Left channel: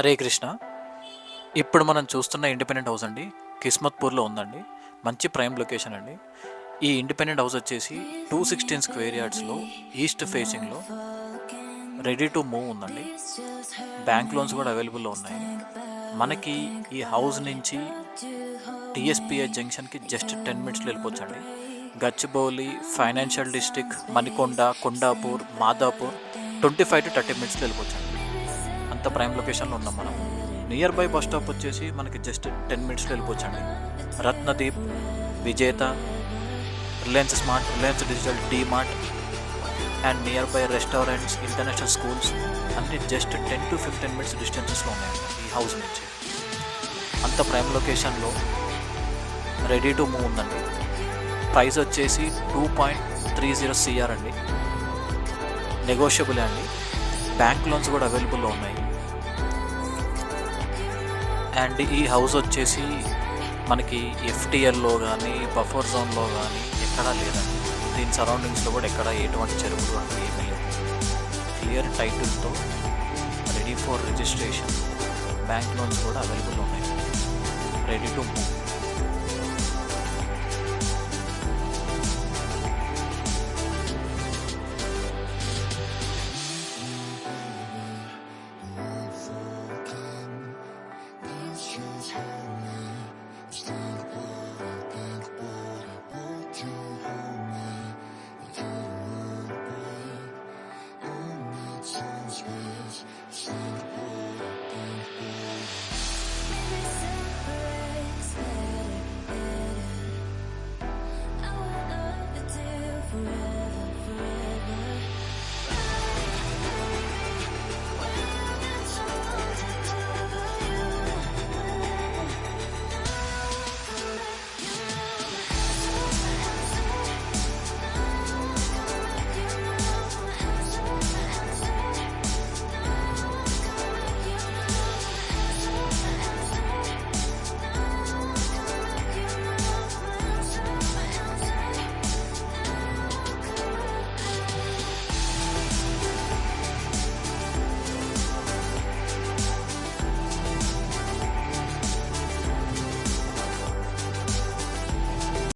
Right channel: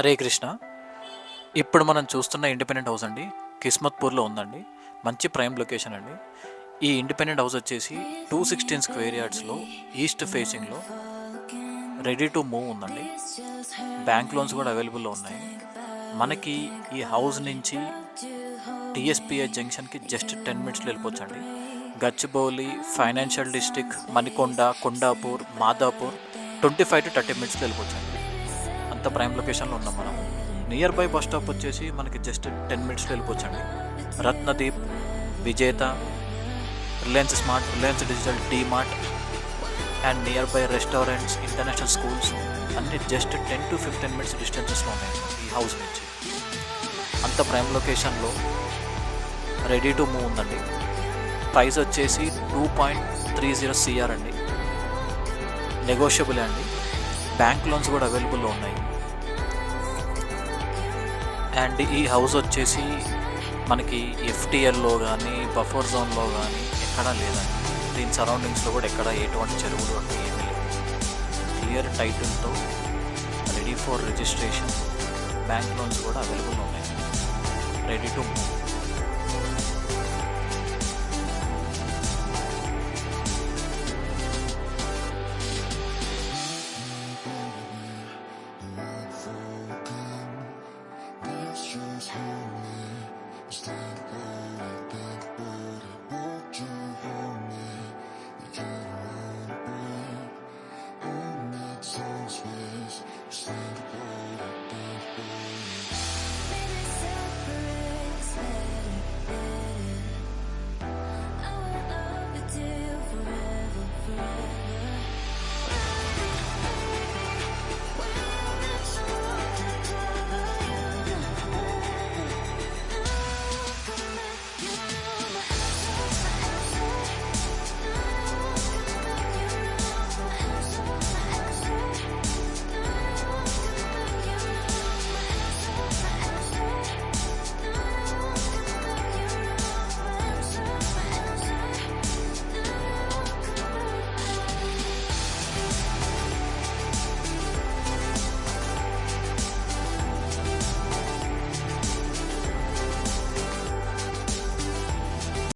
హరే కృష్ణ. ఇప్పుడు మనం చూస్తున్న ఇండిపెండెంట్ హౌస్ అండి కిస్మత్పూర్లో ఉందండి. మంచి ప్రైమ్ లొకేషన్ అండి. ఈ ఇండిపెండెంట్ హౌస్ వచ్చేసి 216 స్క్వేర్ యార్డ్స్లో ఈస్ట్ ఫేసింగ్లో రెడీ టు మూవ్ ఉందండి. బ్యాంక్ లోన్స్ కూడా అవైలబుల్లో ఉన్నాయి. మనకి ఈ హౌస్ నుంచి టీఎస్పీఐ జంక్షన్కి జస్ట్ 10 మినిట్స్లో వెళ్ళిపోవచ్చండి. Gachibowli, financial district, Manikonda, Kondapur, Madhapur 25 to 30 మినిట్స్లో వెళ్ళిపోవచ్చండి. అంత ప్రైమ్ లొకేషన్లో ఉన్నాం మనము. నియర్ బై బస్ స్టాప్ వచ్చేసి మనకి జస్ట్ 10 మినిట్స్లో వెళ్ళిపోవచ్చండి. రత్నదీప్, విజేత, Reliance smart, Reliance digital, DMart and near by restaurants, international schools అన్నీ జస్ట్ 10 to 15 మినిట్స్ డిస్టెన్సెస్లో ఉన్నాయండి ఈ హౌస్ నుంచి. అంత ప్రైమ్ లొకేషన్లో రెడీ టు మూవ్ ఉందండి. ప్రైస్ వచ్చేసి 2.30 CR అండి. నెగోషియబుల్ అండి. బ్యాంక్ లోన్స్ కూడా అవైలబుల్లో ఉన్నాయి. అండ్ ఈ హౌస్ వచ్చేసి మనకి ఎఫ్టీఎల్లో కానీ బఫర్ జోన్లో కానీ ఎక్కడా లేదండి. దీని సరౌండింగ్స్లో కూడా ఎక్కడ ఎటువంటి చెరువులు అంటే ఏమీ లేవు. క్లియర్ టైటిల్తో ready for registration, bank loans కూడా అవైలబుల్ ఉన్నాయండి. Ready to move.